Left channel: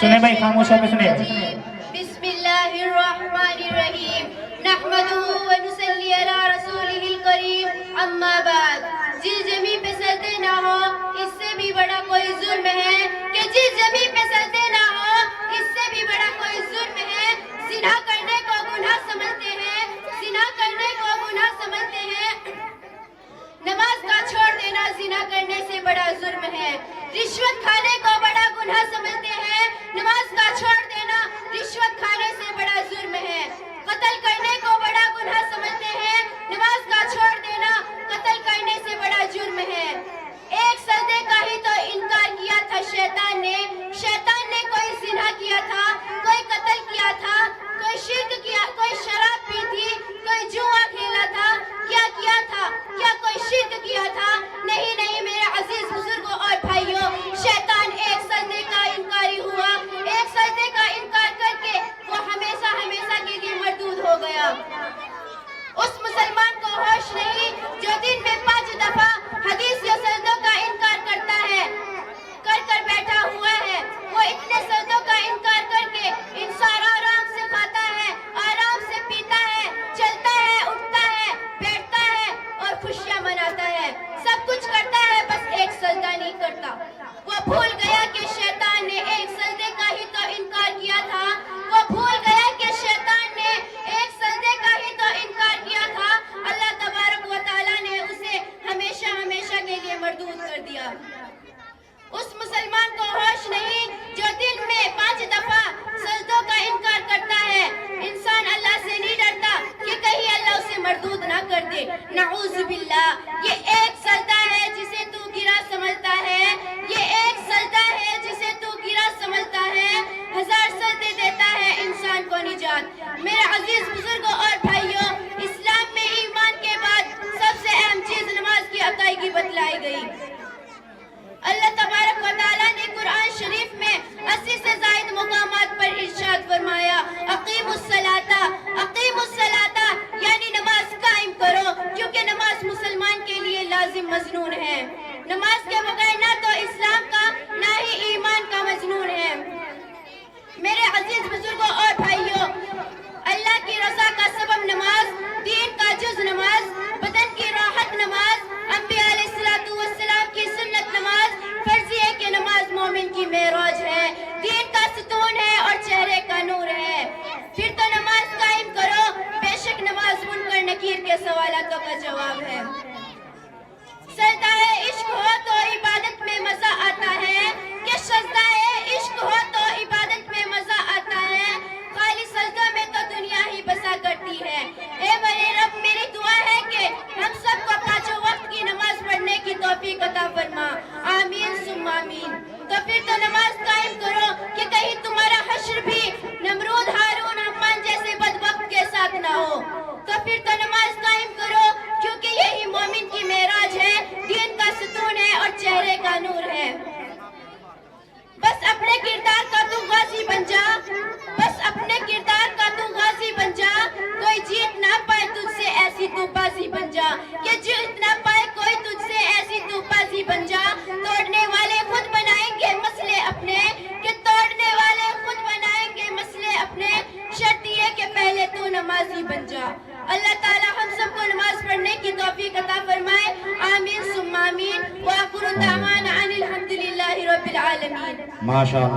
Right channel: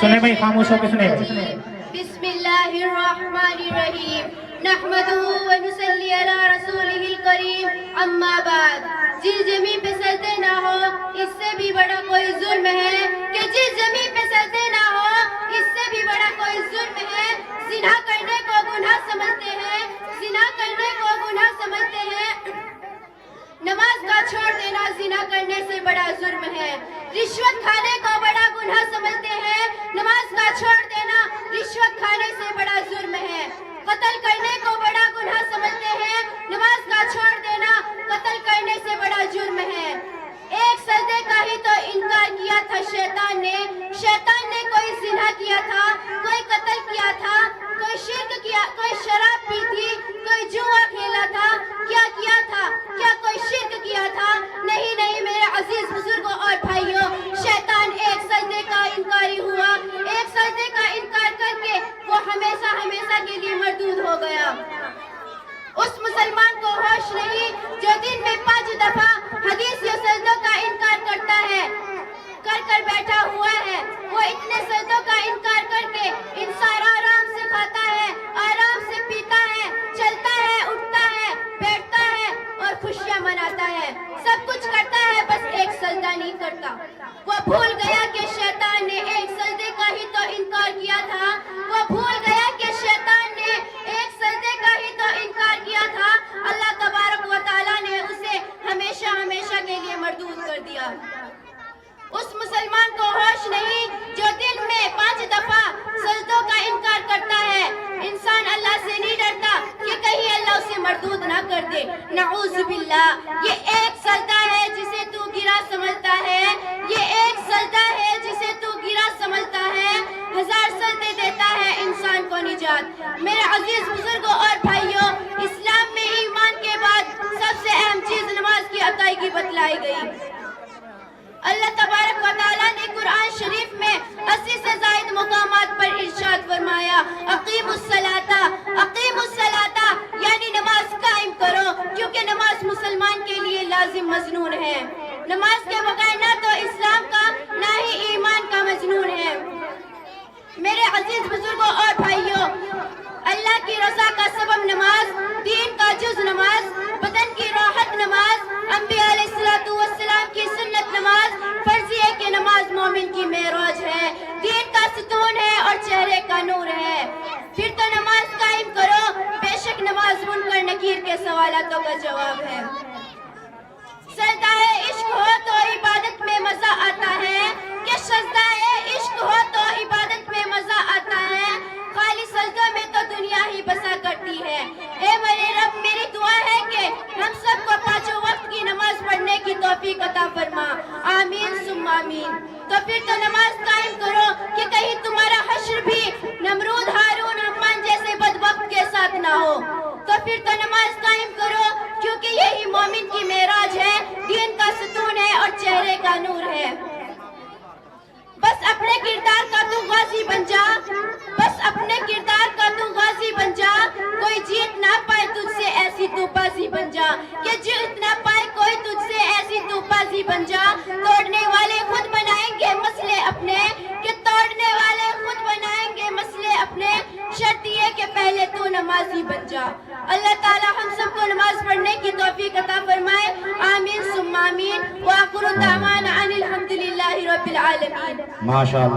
سنے بھائی، خاموش ہو کے سنے بھائی. بسم اللہ الرحمن الرحیم نحمدہ ونصلی علی رسولہ الکریم اما بعد. جس زمین پہ سجدے نہ ہو اس سے بھی بڑا کوئی ظلم ہے کہ جس زمین پہ سجدے نہ ہو اس سے بھی بڑا کوئی ظلم ہے. زنا کرنے کو گناہ سمجھتے ہیں، زنا کرنے کو گناہ سمجھتے ہیں. نماز کا چھوڑ دینا زنا کرنے سے بڑا جرم ہے. رشوت کھانے کو بڑا گناہ سمجھتے ہیں، نماز کا چھوڑ دینا رشوت کھانے سے بڑا جرم ہے. قتل کرنے کو بڑا گناہ سمجھتے ہیں، نماز کا چھوڑ دینا قتل کرنے سے بڑا جرم ہے. ایک سجدے کا ہی تو انکار کیا تھا شیطان نے کوئی زنا کیا تھا، کوئی قتل کیا تھا، کوئی شرک کیا، کوئی شراب پی تھی، کوئی جوا کھیلا تھا. کیا تھا؟ کیا کوئی شرک کیا تھا؟ نہیں میرے عزیز بزرگوں اور بھائیوں، شیطان ایک سجدے کا انکاری ہوا. ایک سجدے کا انکار کر کے وہ ہمیشہ کے لیے مردود ہو گیا. اس مسلمان کو ہوش نہیں جو دن میں 5 دفعہ حدیث یا سجدوں کا انکار کرتا ہے، کر بیٹھا ہوا ہے. وہ اتنے سجدوں کا انکار کر کے انسان آرام سے کھاتا ہے، آرام سے پیتا ہے، چلتا ہے، اٹھتا ہے، بیٹھتا ہے اور خوشیاں مناتا ہے. سب کچھ کرتا ہے، بس ایک سجدہ نہیں کرتا. وہ بھول گیا کہ شیطان نے ایک سجدے کا ہی تو انکار کیا تھا. وہ بھول گیا کہ شیطان نے ایک سجدے کا ہی تو انکار کیا تھا. اللہ تبارک و تعالیٰ نے اسے ہمیشہ کے لیے مردود کر دیا. اس مسلمان کو ہوش نہیں جو دن میں 5 دفعہ سجدوں کا انکار کرتا ہے. انسان اللہ سے نہیں ڈرتا کہ کہیں اللہ اسے مردود نہ کر دے. نعوذ باللہ. یہ ایک سجدہ ہے جسے تو گرا سمجھتا ہے، یہ ایک سجدہ ہے جسے تو گرا سمجھتا ہے. 1000 سجدے دیتا ہے انسان کو نجات. میرے عزیز بزرگوں اور بھائیوں، اسلام میں ایمان کے بعد سب سے اہم چیز نماز کی ادائیگی بتلائی گئی. اللہ تبارک و تعالیٰ نے قرآن شریف میں 80 سے زائد مقامات پر ارشاد فرمایا، اقیموا الصلاۃ، یعنی نماز قائم کرو، کیونکہ نماز مسلمان کے لیے لازم مضمون ہے. نماز کے بغیر نہ تو اسلام کا نہ ہی ایمان کا مضمون ہے. میرے عزیز بزرگوں اور بھائیوں، اللہ کی رضا کا سبب نماز، دین کا جز نماز، بدن کی راحت نماز، انبیاء علیہ السلام کی سنت نماز، فرض ہے کہ نماز مومن کی معراج ہے، دین کا ستون ہے اور چہرے کا نور ہے. پھر تو نماز قائم کرو. بے شک نماز منکر نکیر کے سوالاتوں کا جواب ہے. سجدہ عشق ہو تو عبادت میں مزہ آتا ہے، کہ سجدہ عشق ہو تو عبادت میں مزہ آتا ہے. خالی سجدوں میں تو دنیا ہی بسا کرتی ہے. اے میرے رب، میری دعا ہے کہ ہم سب کو 5 وقت کی نماز پڑھنے کی توفیق عطا فرما. آمین ثم آمین. تو پھر تو نماز قائم کرو کہ کہیں تمہارا حشر بھی نمرود، ہارون، حمان جیسے بدبخت کے ساتھ نہ ہو. تو پھر تو نماز قائم کرو، کیونکہ یہی مومن کی معراج ہے، دین کا ستون ہے اور چہرے کا نور ہے. بس اپنے کردار کا تو غازی بن جا، بس اپنے کردار کا تو غازی بن جا. کوئی جیت نہ پائے تجھ سے ایسی تو بازی بن جا، کہ جیت نہ پائے کوئی تجھ سے ایسی تو بازی بن جا. توڑنے والے خود بنائیں گے مسئلے اپنے، کہ توڑنے والے خود بنائیں گے مسئلے اپنے. شرط یہ کہ پہلے تو نمازی بن جا. اللہ تعالی ہم سب کو نماز پڑھنے کی توفیق عطا فرمائے. آمین ثم آمین. وآخر دعوانا ان الحمدللہ رب العالمین. ماشاءاللہ.